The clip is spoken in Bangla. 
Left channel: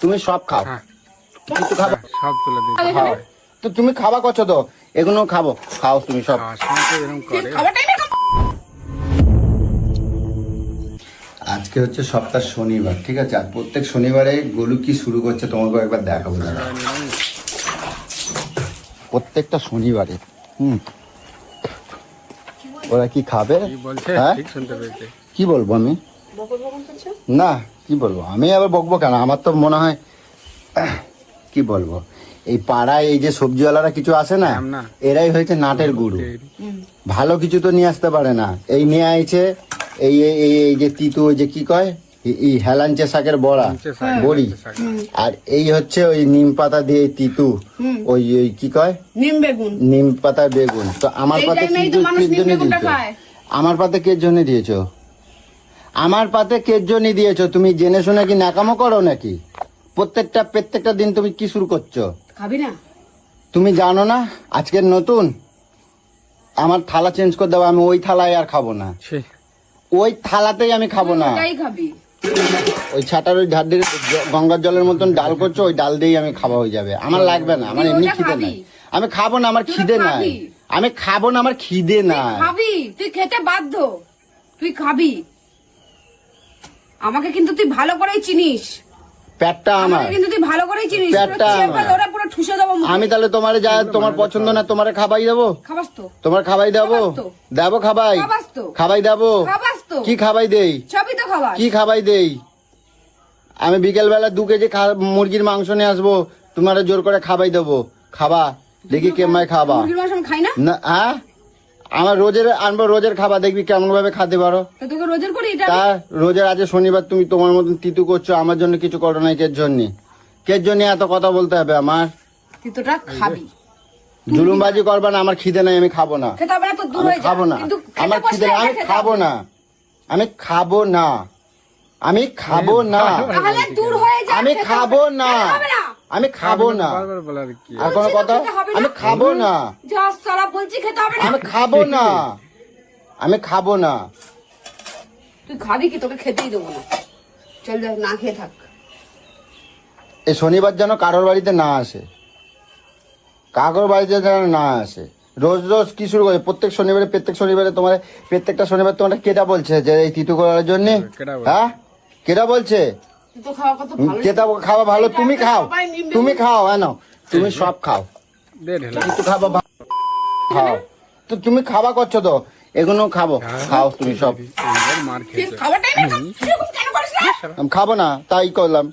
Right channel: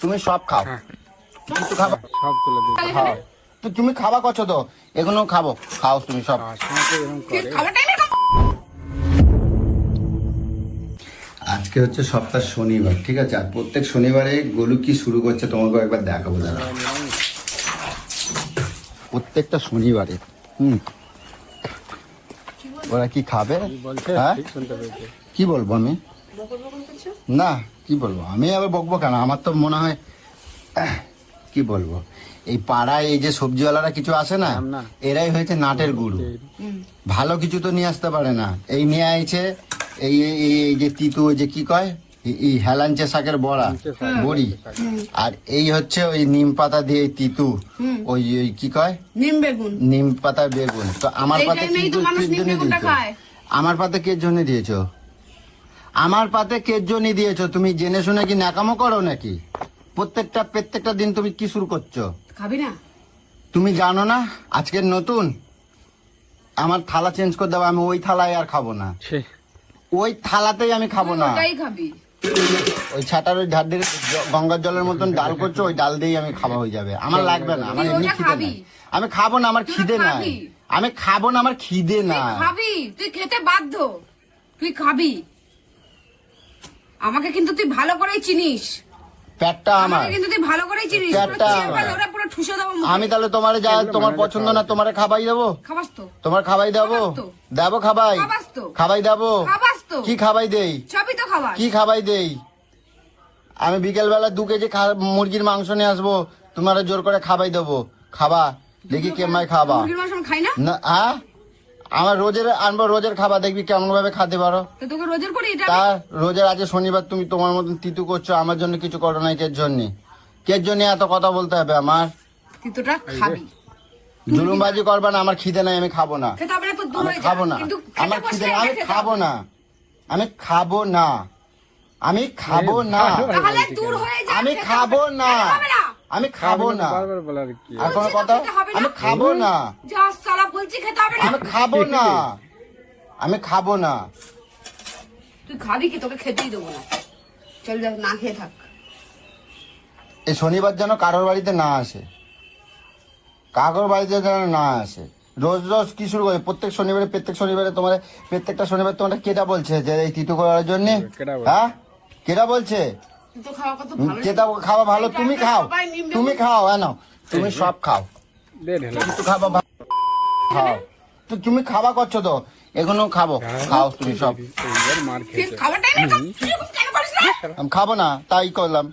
তুমি সব খাও। কিছু খাবে? সব তুলে দিই। তো তুমি খাওয়া করছো তো, এগুলো খাবো, খাও তুমি সব। আজকে হচ্ছে সপ্তাহ শনিবার, ঠিক আছে? আর প্রত্যেক শনিবারে গোলু কি শুরু করছে তোমাকে একবার দেখাবো দাদা। প্রত্যেকটা শনিবারে ওরা কি খাবে হ্যাঁ? কি বলবো আমি? না কি বলবো আমি, আবার বকবো কেন? আমার তো মনে হয় কি বলবো, এই পাড়ায় এই যে সবজিওয়ালারা কিছু আসে না, এরাই হয়েছে নাটের গুরু। ভালো কিছু তো নিয়ে আসতে পারে না। এই নিয়ে আইছে এই এই যে তিতু, ওই যে কি কয়, এই হেলাঞ্চে শাকের বড়া, বড়ি, আর এই হচ্ছে ওই নিম পাতা দিয়ে তিতু, ওই ওই কি কয়, নিম পাতা বেগুন। তো আমার পাতে আমার পাতে কের জন্য দিয়েছো? আমার পাতে কের জন্য দিয়েছো? তুমি জেনে শুনে কি নাকামো করো নাকি? প্রত্যেকটা দিন তুমি কি শুরু করছো? খাবি না? তুমি জানো না আজকের নতুন? আমার থালা চেঞ্জ করে দাও, আমি ওই থালায় আর খাবো না। ওই থালাতেই আমি খাবো না। ওটাই খাবি? ওই ছাটার ওই ধার দিয়ে গঙ্গার জলের মতন ডাল করছো, ওই ডাল দিয়েই আমি খাওয়া হয়ে যাবে। আমার লাগবে না, আমার এমনি খিদে নাই। আমি খাবো না, আমার খিদে নাই। আমি খাবো না, আমার খিদে না। খাবি, তুই খেতে বাধ্য, তুই খাবি। আমাকে কিন্তু তুই ভালো করেই চিনিস। পেটটা আমার, আমাকে কিন্তু তুই ভালো করেই চিনিস। পুরো চেপে ধরে পুরো ঠুসে দেবো মুখে। আমি তাহলে তোমার যা তোমার পছন্দ না, তোমার খাবাই দেবো। খাবাস তো? তোমার খাবাই দেবো, দেবো খাবাই, খাবাস তো? খাবাই দেবো, খাবাস তো? কি খাবাই দেই? সবই তো খাবাস। কি খাবাই দেই? আমি বিকেল বেলা 2 কেজি মুরগির মাংস নিয়ে আসবো, তোমার জোর করে খাবাই দেবো। খাবা দেখি কেমন খাবা। মুরগির মাংস আমি খাই না। হ্যাঁ, আমার রোজের আনবো, রোজের খাবা, দেখবি কেমন ভাবে খেতে পারো। তোকে রোজের করি এটা? রোজের আজ শনিবার, তুমি তোমার মতন তিতু করছো, আমার জন্য কিছু করো না। এর জন্য কের জন্য এত কথা বলতে হবে আমার? তিতুটা খাবি, জুলুমবাজি করবা না। আমার খিদে নাই, আমি খাবো না। খেতে হবে না তো, দূর হয়ে যা। কিন্তু খেতে বসলে এটা খেতে খাবো না, আমি খাবো না, আমি খাবো না। তাহলে দূর হয়ে যা। আমি খাবো না, আমি খাবো না। বারবার বলার কি? আমি খাবো না, যা সালা বলছি খেতে হবে না। আমি খাবো না, আমি খাবো না। তুই খাবি কি? তোকে খেতেই দেবো না। চল যা, না খেয়ে থাক। এই শনিবার যেন কারোর বাড়িতে না আসে, কারোর বাড়িতে যেন না আসে। রোজ রোজ কি শুরু করে? প্রত্যেক শনিবারে তোমার, প্রত্যেকটা শনিবার তোমার কেটা বলছে যে এই তিতু করার জন্য? হ্যাঁ, কেটা বলছে? তুই তো খাওয়া কত ভালো। কেটা খাওয়া ভালো? তুমি খাও, তুমি খাও, আনো, তুমি সব খাও। খাবো তো তুমি খাওয়া করছো তো, এগুলো খাবো, খাও তুমি সব। খাওয়াটাই না, কেন করিস না? আমি খাবো না, তাই করলাম।